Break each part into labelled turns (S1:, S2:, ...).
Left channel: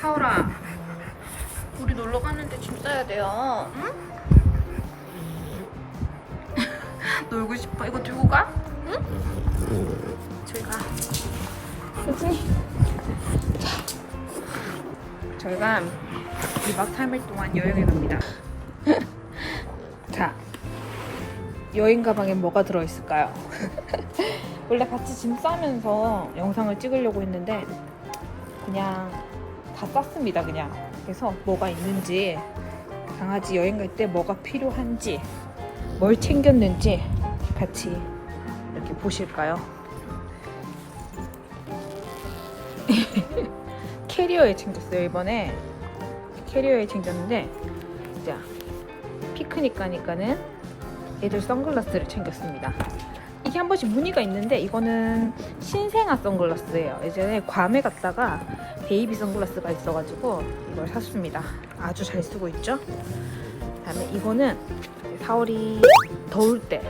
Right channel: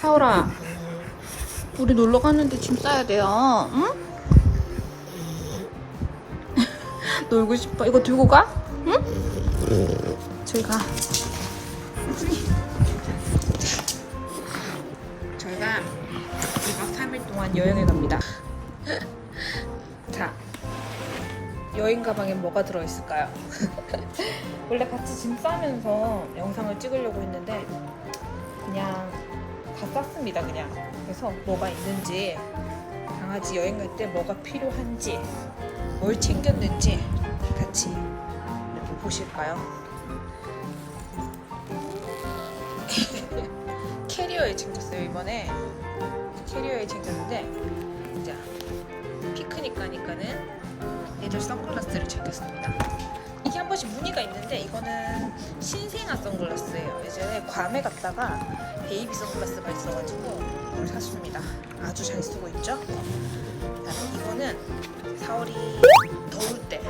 S1: 사오라 우리 놀러 가는데 짐 싸야 돼요 응? 놀고 싶어 이거 들고 가? 응? 저희 가 자, 저희가 2박 3일 동안 여행을 갑니다 자 여행 가방에 뭐가 들어있을까요? 원래 같이 짐 싸면서 영상을 찍으려고 했는데 그냥 다 쌌습니다 그냥. 그래서 뭐가 있는지 강아지 여행 갈 때 뭐가 필요한지 뭘 챙겼는지 같이 이렇게 보실까요? 캐리어에 챙겼어요 이번에. 캐리어에 챙겼는데 자 피크닉 가니까는 애들 선글라스를 챙겼습니다 번씩 무늬가 있는데 이거는 신생아 선글라스예요. 예전에 괌에 갔다가 베이비 선글라스가 있어가지고 이걸 샀습니다. 아주 잘 쓰고 있죠? 이거는 4월이 더울 때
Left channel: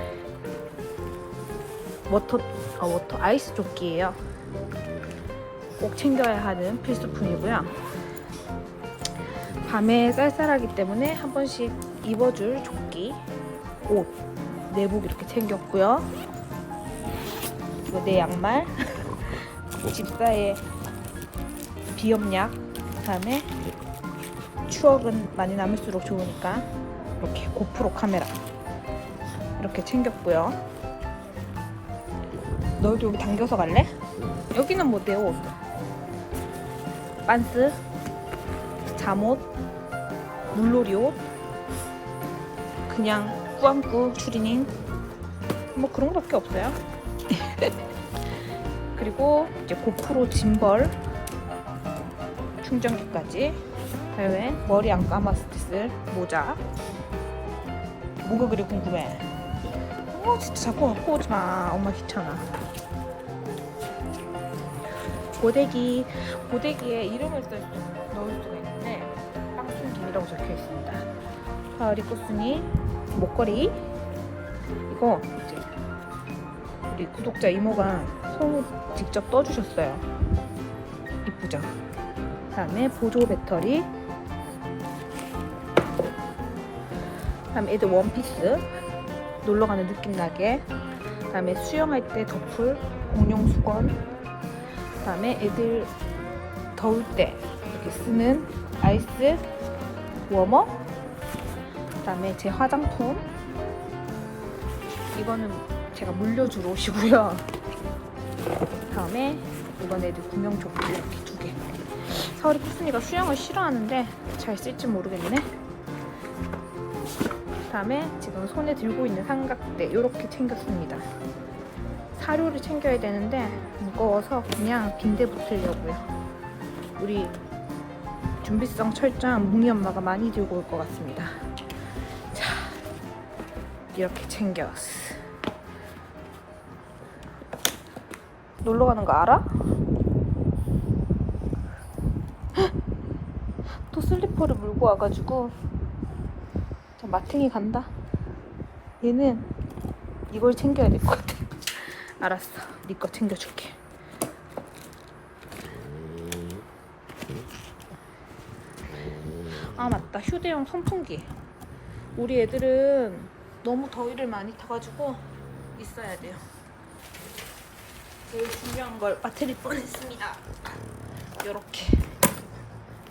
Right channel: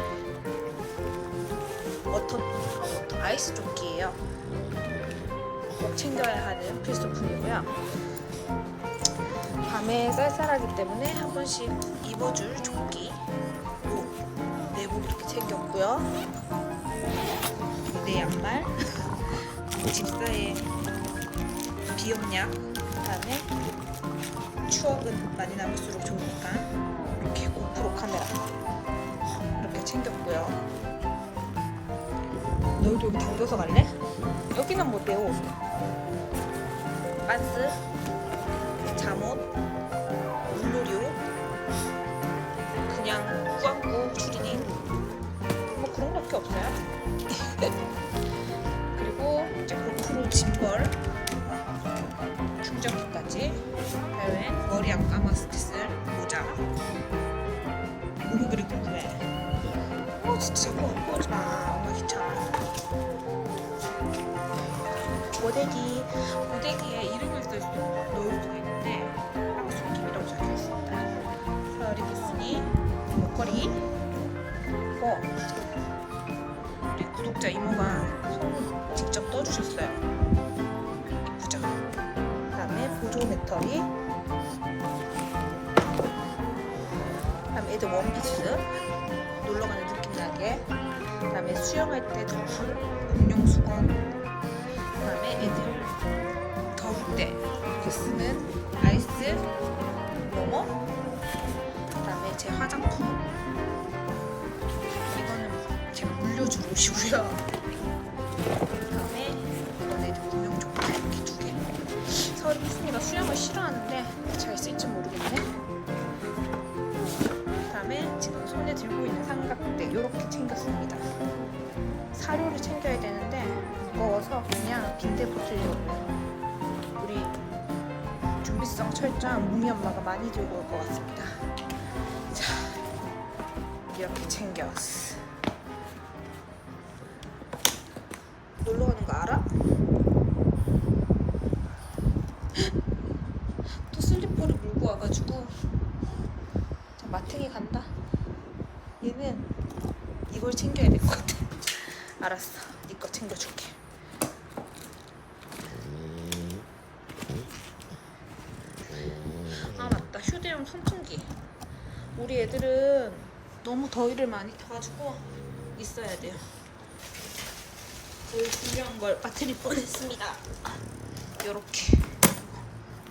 S1: 워터 아 워터 아이스 조끼예요. 꼭 챙겨야 하는 필수품이고요. 밤에 쌀쌀하기 때문에 한 번씩 입어줄 조끼 옷 내복 이렇게 챙겼고요 내 양말. 집사의 비염약. 그다음에 추억은 많이 남을수록 좋으니까 이렇게 고프로 카메라 이렇게 챙겼고요. 너 좀 당겨서 갈래? 여기는 못해요 빤스 잠옷 물놀이 옷 그냥 꾸안꾸 추리닝 짐벌 충전기까지 그리고 머리 안 감았을 때쓸 모자. 그리 궁금해 어, 진짜 자꾸 갖고 오지 마 엄마 귀찮아. 고데기 고데기에 이름을 쓸 수, 넣을 수가 있는데 박순준이라고 적혀 있습니다. 자 리코스니? 목걸이. 이거 우리 구독자 이모가 손 직접 떠주셨어요. 이쁘죠? 그 다음에 보조 배터리. 그 다음에 애들 원피스. 놀러 가는 느낌 나게. 그 다음에 수영할 때 덮을 공룡 수건. 그 다음에 애들 더울 때 쓰는 아이스 워머. 그 다음에 제 화장품. 이거는 제가 물려주러 오시고요 그다음에 이건 애들 구명 조끼 이렇게 두개. 서울이 푸순이가 수영을 싫어하는데 잘 쓸지 모르겠네. 그다음에 지금 손에 들고 있는 삼각대 이렇게 챙겼습니다. 사료를 챙겨야 되는데 무거워서 그냥 빈대 보틀로 우리 준비성 철저한 웅이 엄마가 많이 들고 올 것 같습니다. 자 이렇게 챙겼어 놀러 가는 거 알아? 헉! 또 슬리퍼를 물고 와가지고 자, 마탱이 간다. 얘는 이걸 챙겨야 될 것 같아. 알았어. 네 거 챙겨줄게. 아 맞다. 휴대용 선풍기. 우리 애들은 너무 더위를 많이 타가지고 있어야 돼요 제일 중요한 걸 배터리 뻔했습니다. 요렇게.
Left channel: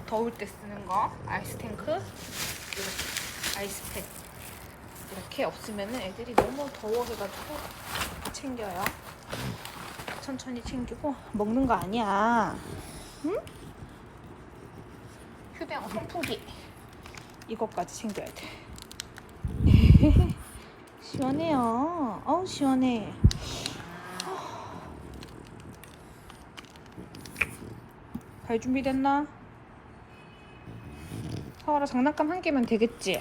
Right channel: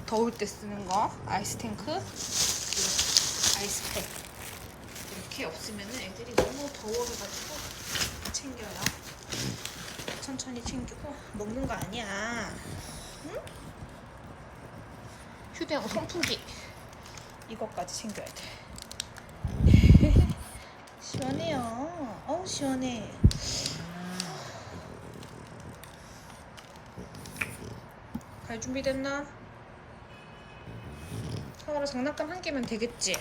S1: 더울 때 쓰는 거. 아이스 탱크. 이렇게 아이스팩. 이렇게 없으면 애들이 너무 더워서 가지고 챙겨요. 천천히 챙기고 먹는 거 아니야. 응? 휴대용 선풍기. 이것까지 챙겨야 돼. 시원해요. 어 시원해 잘 준비됐나? 사와라 장난감 한 개면 되겠지?